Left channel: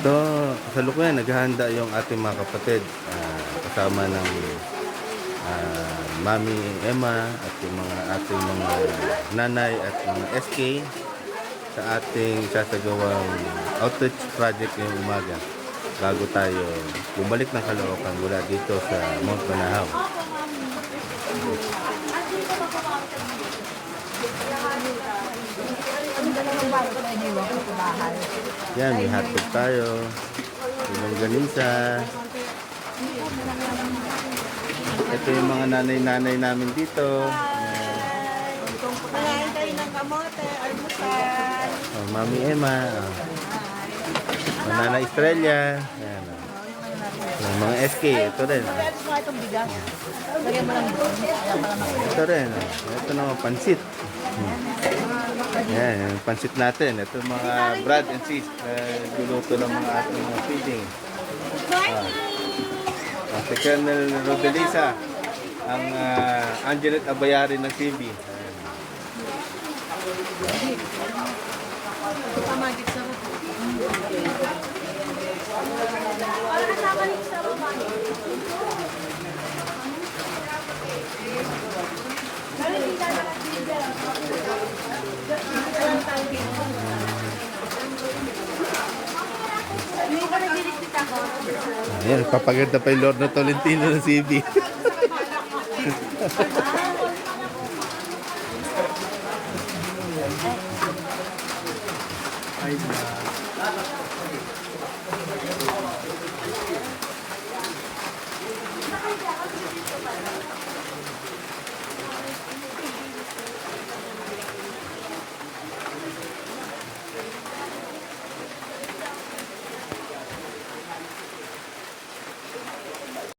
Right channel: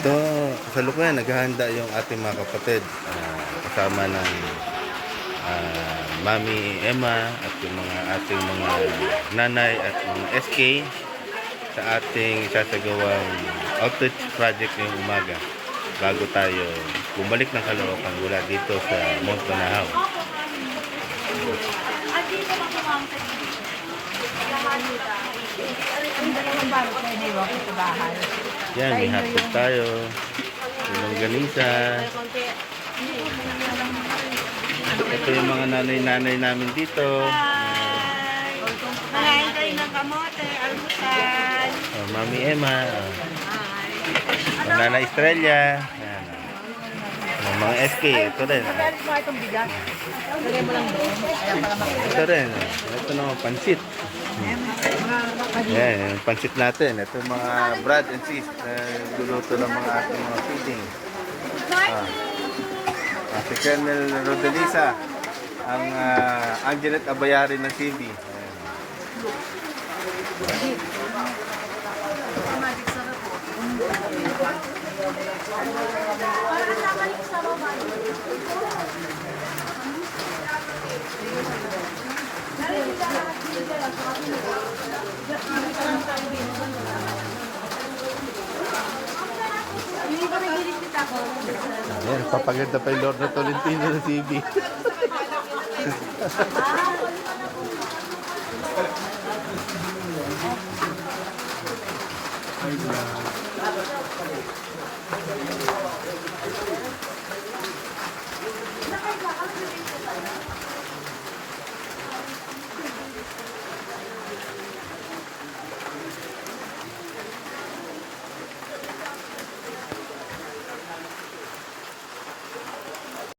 Ito, kasalukuyan, naghahanda yung ating mga kapatid. Kasama ng Mami Emma at yung mga ating mga nanay at mga SK sa ating sasagawang outreach project ngayong umaga bago tayo bumalik ng Caloocan mula dito sa Mount Banahaw. Yan, may hotdog tayo, longganisa. Ito yung mga nanay-nanay namin dito. Kakain tayo ng kamote, almusal. Oh, Mami Emma. Oh, Nana Estrella. Yan. Oh, mga SK. Ito rin. Magalit mo itong bigas. Lagay mo lang doon. Ito rin. Ito naman, pansit. Yan, yung pansit natin. Ito yung mga Brad and sis. Guluto ng mga ating mga feeding. Si Colonel Rodelisa. Ang Angelet Abayari ng CB. Ayan, papaganda pa yung Lord na Tolentino ng CB. Ay,